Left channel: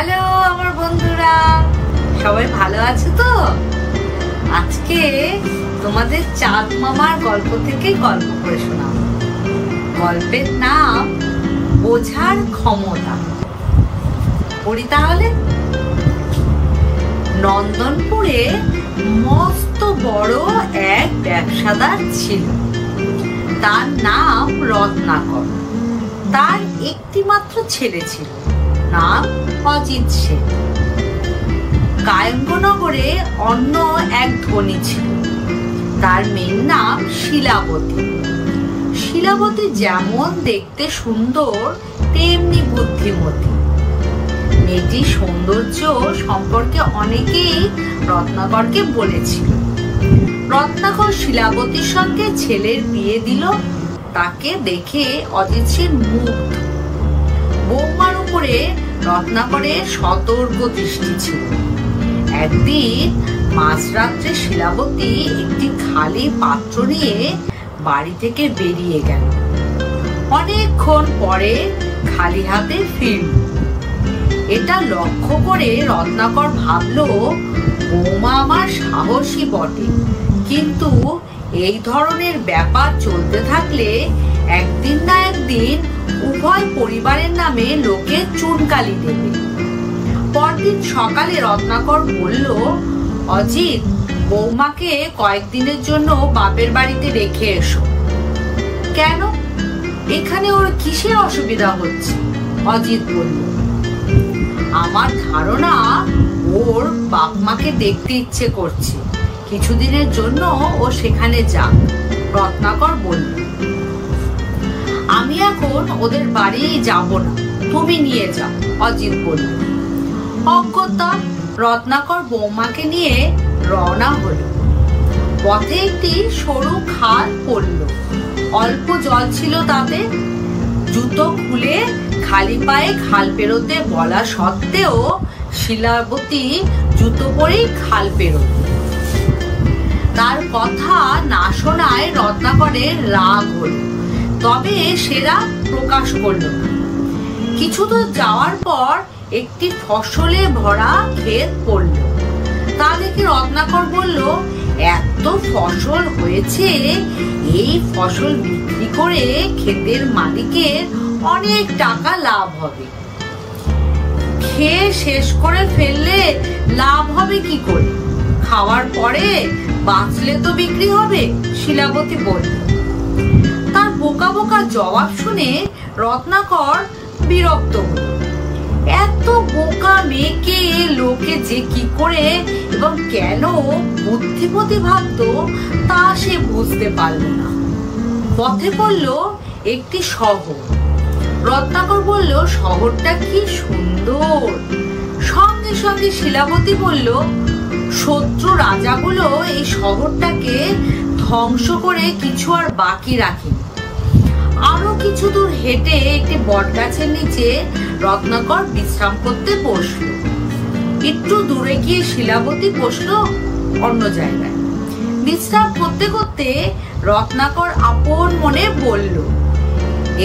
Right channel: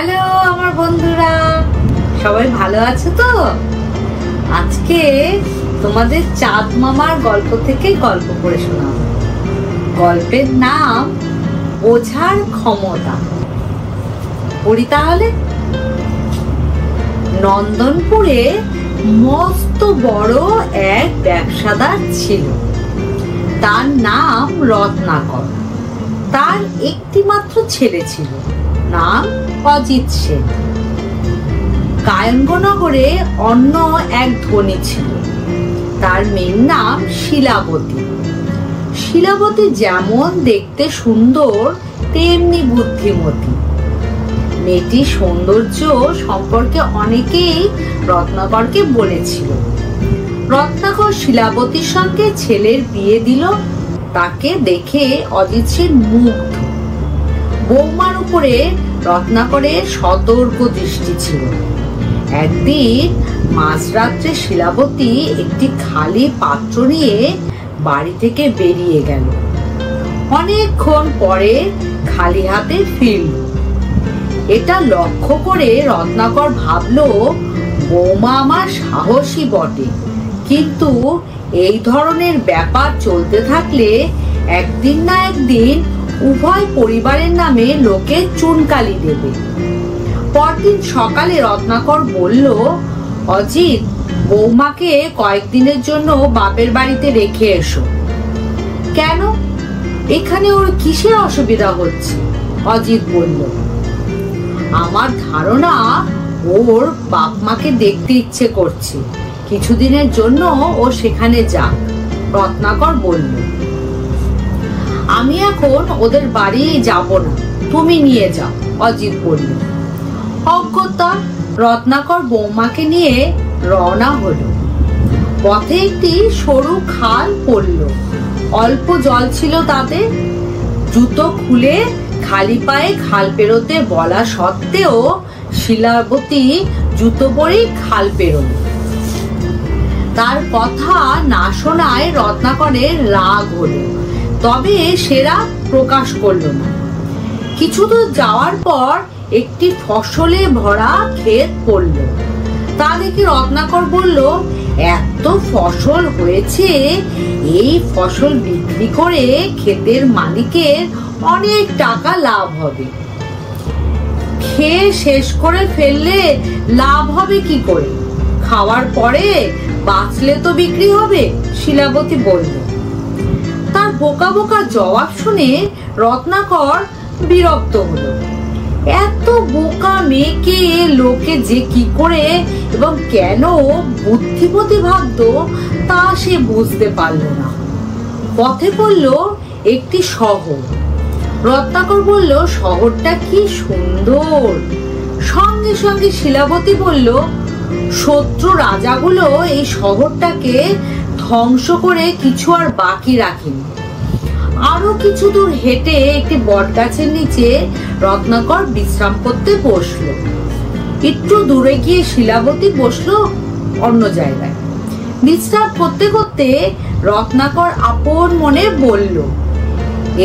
Hello আমার বন্ধুরা, সবাই ভালো আছো তো? আজকে তোমাদের চাঁদ মামার গল্প থেকে গল্প পড়ে শোনাবো। গল্পের নাম বোঝার ক্ষমতা। পড়ি তাহলে। নন্দনপুরে মস্ত বড় এক ব্যবসাদার ছিল। তার নাম রত্নাকর। তার একটি মাত্র ছেলে ছিল, নাম অজিত সেন। কায়ঙ্গনগরে অন্য এক ধনী ছিল, তার মেয়ের নাম শিলাবতী। শিলাবতী যেমন দেখতে সুন্দর তেমনি বুদ্ধিমতী। মেয়েটির সৌন্দর্য সম্পর্কে অনেকেই রত্নাকরকে বলেছিল। রত্নাকর শিলাবতীর সঙ্গে ছেলের বিয়ে দিল। তাকে দেখে অজিত সেন মুগ্ধ। বৌমার উপরে রত্নাকরের সতর্ক দৃষ্টি ছিল। একদিন মাঝরাত্রে শিলাবতী একটি খালি পাত্র নিয়ে বাড়ি থেকে বেরিয়ে গেল। অনেকক্ষণ পরে খালি হাতে ফিরল। এটা লক্ষ্য করে রত্নাকর ভাবল, বৌমা আমার সাহসী বটে, কিন্তু এই ধরনের ব্যাপার চলতে থাকলে একদিন না একদিন উভয় পরিবারের নামে লোকে চুনকালি দেবে। পরদিন সকালে রত্নাকর বলল, অজিত, বৌমাকে কয়েকদিনের জন্য বাপের বাড়িতে রেখে এসো। কেন? এখানে ওর কিসের অসুবিধা হচ্ছে? অজিত বলল, আমার ধারণা ওর বাপ মাকে দেখতে ইচ্ছে করছে, কিছুদিনের জন্য ও সেখানে যাক। রত্নাকর বলল, আমি এখন ওদের বাড়ি যাব না, তুমি নিয়ে যাও। অজিত বলল। অগত্যা রত্নাকর বৌমাকে নিয়ে রওনা হলো। পথে একটি সরু খাল পড়ল। অল্প জল ছিল তাতে। জুতো খুলে খালি পায়ে খাল পেরোতে বলা সত্ত্বেও শিলাবতী জুতো পরেই খাল পেরোল। তার কথা না শোনায় রত্নাকরের রাগ হলো, তবে সে রাগ প্রকাশ করলো না। কিছু দূর যাওয়ার পর একটি ফসলে ভরা ক্ষেত পড়ল। তা দেখে রত্নাকর বলল, এত ফসল হয়েছে, এই ফসল বিক্রি করে ক্ষেতের মালিকের অনেক টাকা লাভ হবে। খেয়ে শেষ করে ফেললে লাভ হবে কি করে? খাওয়ার পরে বাঁচলে তো বিক্রি হবে। শিলাবতী বলল। তার বোকা বোকা জবাব শুনে রত্নাকর বিরক্ত হলো। এত বোকা মেয়েকে লোকে যে কি করে এবং কেন বুদ্ধিমতী ভাবত তা সে বুঝতে পারল না। পথে পড়ল একটি শহর। রত্নাকর বলল, শহরটা কি সুন্দর। সঙ্গে সঙ্গে শিলাবতী বলল, শত্রু রাজাগুলো এই শহরটাকে ধ্বংস করে কিছু আর বাকি রাখেনি। আরো কিছু দূর হেঁটে একটি বটগাছের নিচে রত্নাকর বিশ্রাম করতে বসলো। একটু দূরে গিয়ে শিলাবতী বসলো অন্য জায়গায়। বিশ্রাম করতে করতে রত্নাকর আপন মনে বলল,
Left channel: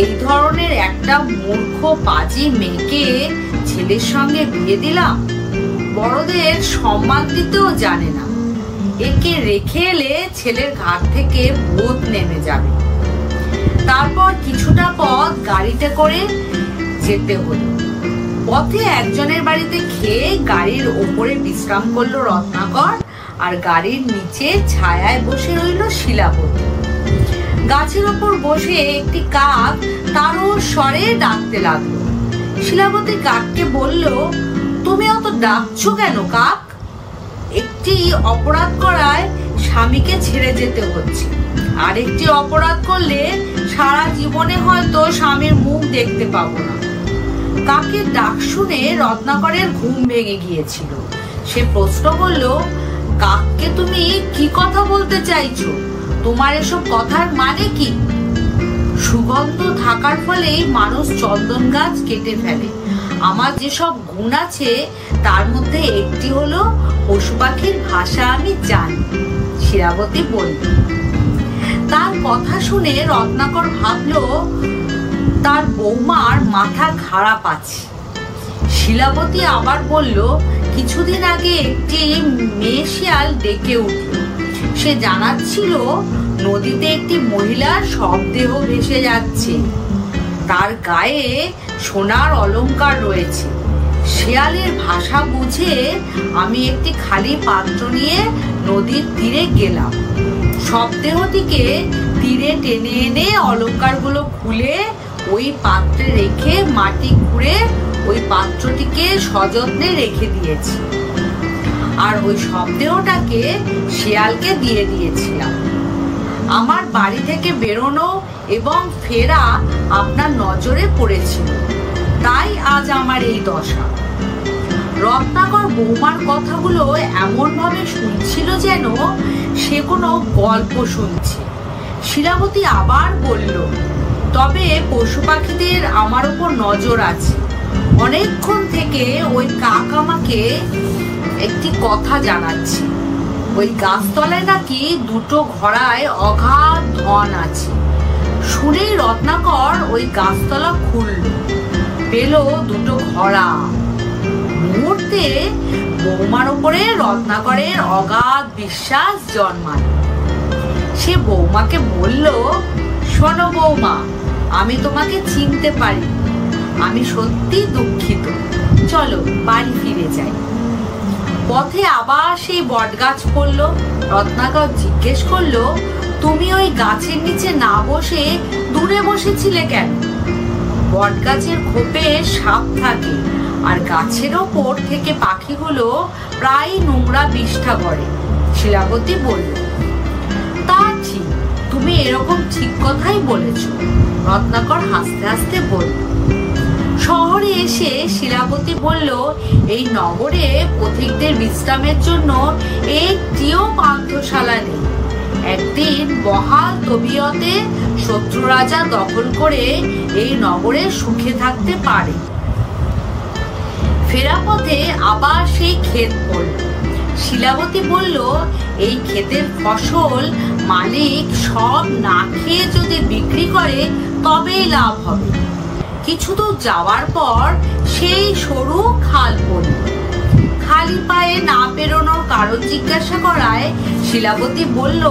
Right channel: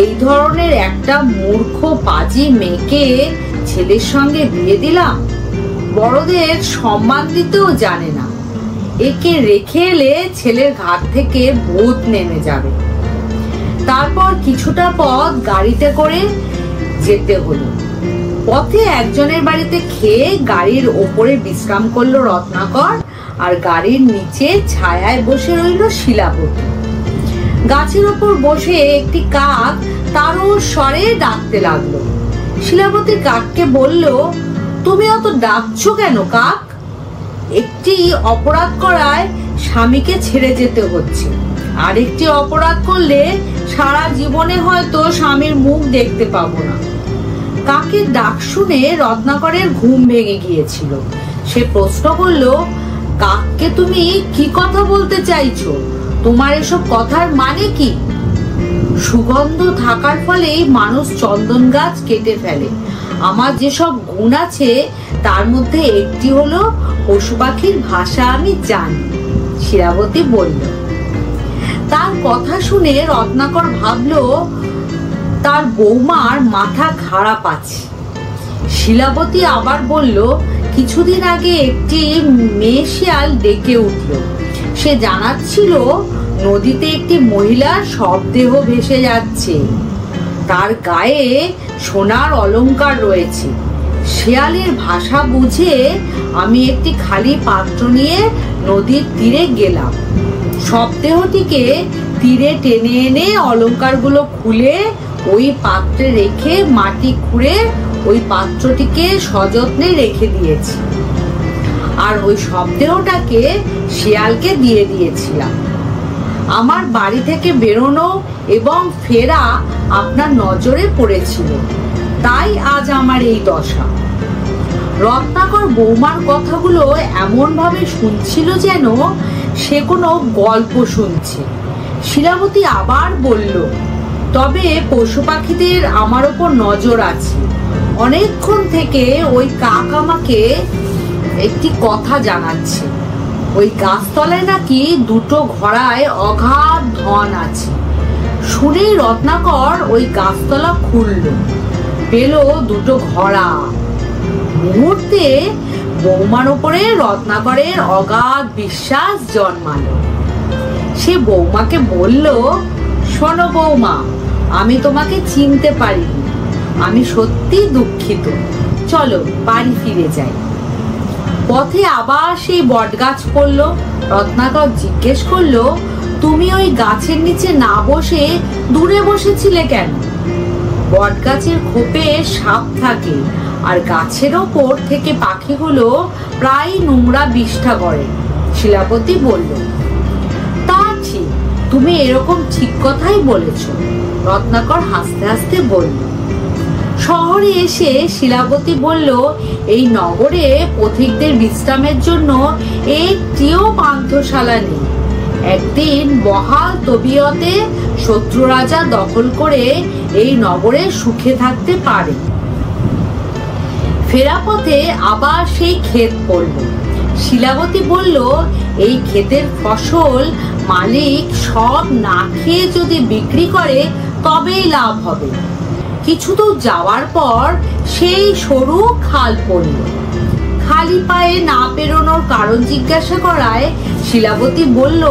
এই ধরনের একটা মূর্খ পাজি মেয়েকে ছেলের সঙ্গে বিয়ে দিলাম। বড়দের সম্মান দিতেও জানে না। একে রেখে এলে ছেলের ঘাট থেকে ভূত নেমে যাবে। তারপর কিছুটা পথ গাড়িতে করে যেতে হলো। পথে একজনের বাড়িতে খেয়ে গাড়ির ওপরে বিশ্রাম করলো রত্নাকর, আর গাড়ির নিচে ছায়ায় বসে রইল শিলাবতী। গাছের ওপর বসে একটি কাক তারও স্বরে ডাকতে লাগলো। শিলাবতী কাককে বলল, তুমি অত ডাকছো কেন কাক? একটি অপরাধ করায় স্বামীকে ছেড়ে যেতে হচ্ছে, আরেকটি অপরাধ করলে সারা জীবনে হয়তো স্বামীর মুখ দেখতে পাবো না। কাকের ডাক শুনে রত্নাকরের ঘুম ভেঙে গিয়েছিল। সে প্রশ্ন করল, কাককে তুমি কি কথা বলতে চাইছো? তোমার এসব কথার মানে কি? সুগন্ধ থাকার ফলেই মানুষ চন্দন গাছ কেটে ফেলে। আমার যেসব গুণ আছে তার মধ্যে একটি হলো পশু পাখির ভাষা আমি জানি। শিলাবতী বলল। তার কথা শুনে রত্নাকর ভাবলো, তার বৌমার মাথা খারাপ আছে। শিলাবতী আবার বলল, কিছুদিন আগে একটি মেয়ে শিয়াল ডেকে উঠল। সে জানাচ্ছিল নদীতে একটি মহিলার শবদেহ ভেসে যাচ্ছে, তার গায়ে সোনার অলংকার রয়েছে। শিয়ালের ভাষা বুঝে আমি একটি খালি পাত্র নিয়ে নদীর তীরে গেলাম। শবদেহটিকে তীরে টেনে এনে অলংকারগুলো খুলে ওই পাত্রে রেখে মাটি খুঁড়ে ওই পাত্রটিকে সযত্নে রেখে দিয়েছি, আর ওই শবদেহটাকে শিয়ালকে দিয়ে দিয়েছিলাম। আমার বাড়ি থেকে বেরোনো এবং ফেরা আপনার নজরে পড়েছিল, তাই আজ আমার এই দশা। রত্নাকর বৌমার কথাগুলো এমন ভাবে শুনছিল যেন সে কোনো গল্প শুনছে। শিলাবতী আবার বলল, তবে পশু পাখিদের আমার উপর নজর আছে। অনেকক্ষণ থেকে ওই কাক আমাকে একটি কথা জানাচ্ছে, ওই গাছতলায় নাকি দুটো ঘোড়ায় অগাধ ধন আছে। শুনেই রত্নাকর ওই গাছতলা খুলল, পেল দুটো ঘোড়া। মুহূর্তে বৌমার উপরে রত্নাকরের অগাধ বিশ্বাস জন্মালো। সে বৌমাকে বলল, শোনো বৌমা, আমি তোমাকে চিনতে পারিনি, আমি সত্যি দুঃখিত, চলো বাড়ি ফিরে যাই। পথে আবার সেই বটগাছ পড়লো। রত্নাকর জিজ্ঞেস করলো, তুমি ওই গাছের নিচে না বসে দূরে বসেছিলে কেন? বটগাছের খোপে সাপ থাকে, আর গাছের ওপর থেকে পাখিগুলো প্রায় নোংরা বিষ্ঠা করে। শিলাবতী বলল, তা ঠিক, তুমি এরকম ঠিক কথাই বলেছ। রত্নাকর হাসতে হাসতে বলল। শহরে এসে শিলাবতী বলল, এই নগরে পথিকদের বিশ্রামের জন্য একটিও পান্থশালা নেই। একদিন বহাল তবিয়তে শত্রু রাজা দখল করে এই নগরে সুখে থাকতে পারে। ফেরা পথে আবার সেই ক্ষেত পড়ল। শিলাবতী বলল, এই ক্ষেতের ফসল মালিক সব না খেয়ে যদি বিক্রি করে তবেই লাভ হবে। কিছু দূর যাওয়ার পর সেই সরু খাল পড়ল। খালি পায়ে না পেরোনোর কারণ জিজ্ঞাসা করায় শিলাবতী বলল,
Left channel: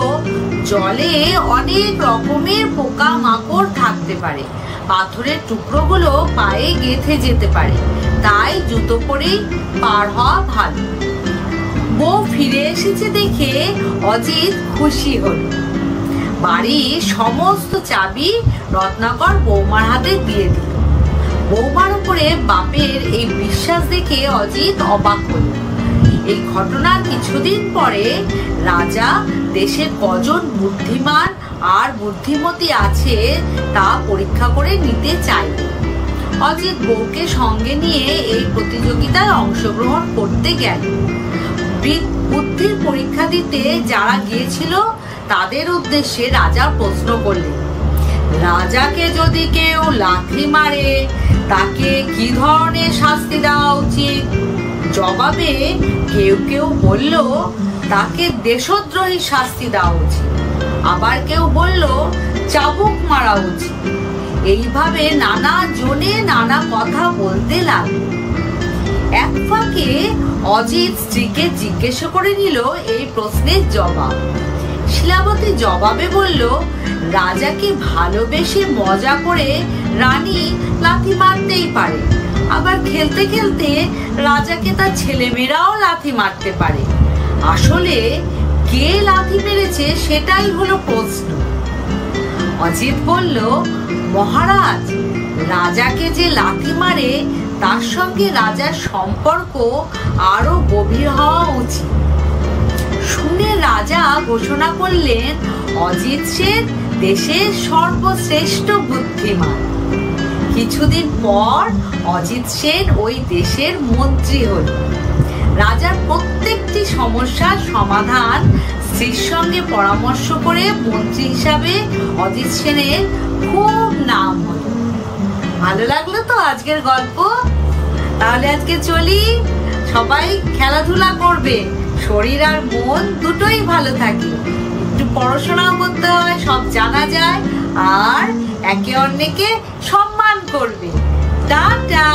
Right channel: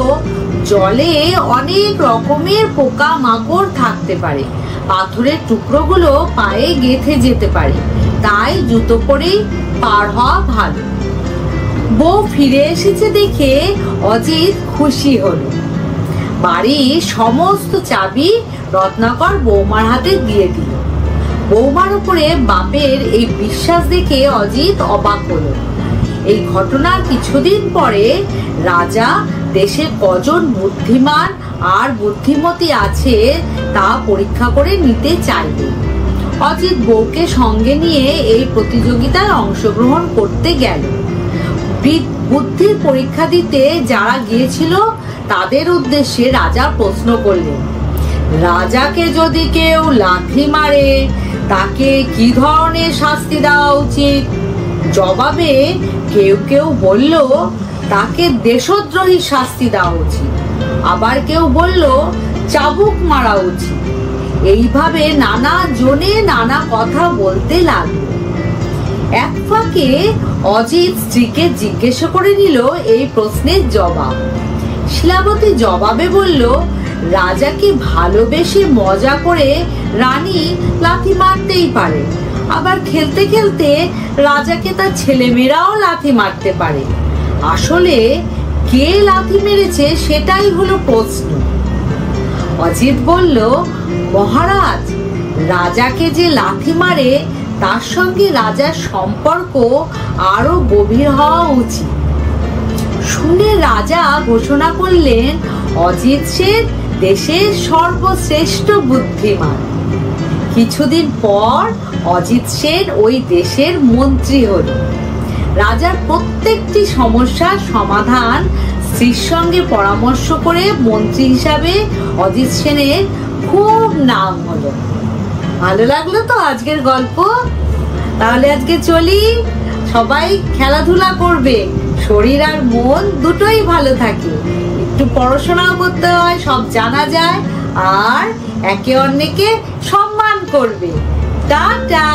জলে অনেক রকমের পোকা মাকড় থাকতে পারে, পাথরের টুকরোগুলো পায়ে গেঁথে যেতে পারে, তাই জুতো পরেই পার হওয়া ভালো। বউ ফিরে এসেছে দেখে অজিত খুশি হলো। বাড়ির সমস্ত চাবি রত্নাকর বৌমার হাতে দিয়ে দিল। বৌমার উপরে বাপের এই বিশ্বাস দেখে অজিত অবাক হলো। এই ঘটনার কিছুদিন পরে রাজা দেশে কজন বুদ্ধিমান আর বুদ্ধিমতী আছে তা পরীক্ষা করে নিতে চাইবে। অজিত বউকে সঙ্গে নিয়ে এই প্রতিযোগিতায় অংশগ্রহণ করতে গেল। বুদ্ধির পরীক্ষা দিতে যারা গিয়েছিল তাদের উদ্দেশ্যে রাজা প্রশ্ন করলেন, রাজাকে যদি কেউ লাথি মারে তাকে কি ধরনের শাস্তি দেওয়া উচিত? জবাবে কেউ কেউ বলল, তাকে দেশদ্রোহী শাস্তি দেওয়া উচিত। আবার কেউ বলল, চাবুক মারা উচিত। এইভাবে নানা জনে নানা কথা বলতে লাগলো। এক ফাঁকে অজিত স্ত্রীকে জিজ্ঞাসা করে নিল এই প্রশ্নের জবাব। শিলাবতী জবাবে বলল, রাজাকে ভালোবেসে মজা করে রানী লাথি মারতেই পারে, আবার খেলতে খেলতে রাজাকে তার ছেলেমেয়েরাও লাথি মারতে পারে। আসলে কে লাথি মেরেছে সেটাই হলো প্রশ্ন। অজিত বলল, মহারাজ, রাজাকে যে লাথি মারে তার সঙ্গে রাজার সম্পর্ক আরো গভীর হওয়া উচিত। শুনে রাজা ঘোষণা করলেন, অজিত সেন দেশের সর্বশ্রেষ্ঠ বুদ্ধিমান। কিছুদিন পর অজিত সেন ওই দেশের মন্ত্রী হল। রাজার প্রত্যেকটি সমস্যার সমাধান স্ত্রীর সঙ্গে পরামর্শ করে মন্ত্রী হিসাবে অজিত সেনের খুব নাম হলো। ভালো লাগলো তো আজকের গল্প? তাহলে আজকে চলি। সবাই খেলাধুলা করবে, শরীর আর মন দুটোই ভালো থাকে। একটু পড়াশোনাও করতে হয়, সব জানা যায়, আর একে অন্যকে সম্মান করবে। টাটা।